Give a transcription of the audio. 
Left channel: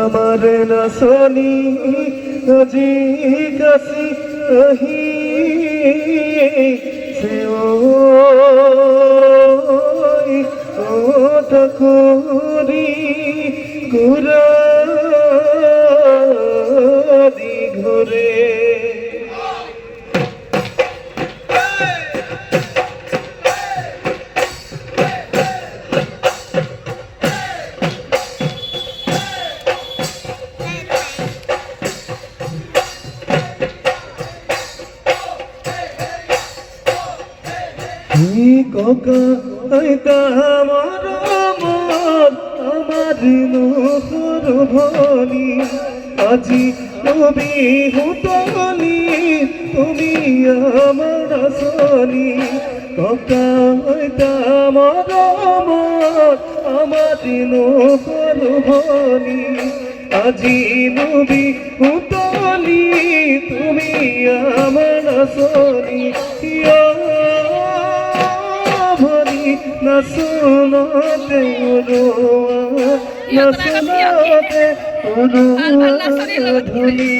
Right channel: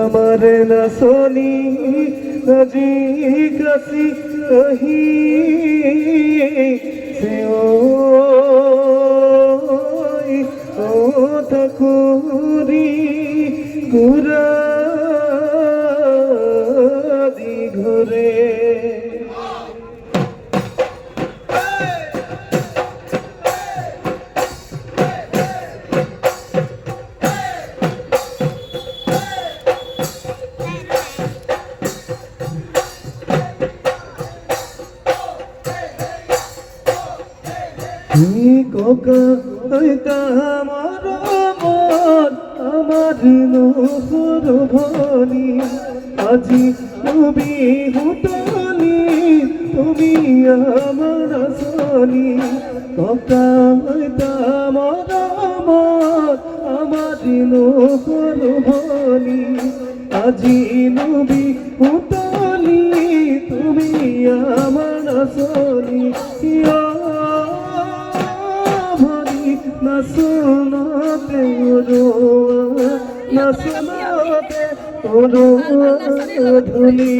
हमारे नसनी अजी कसी कही से ओ ठकुरी गुरा दी घुरे আজি তুমি হুতলি তুমি আমার সলি ককা আমার নহর ভনি আজি নবী হুতলি তুমি আমার সলি না শুনতে ধুলি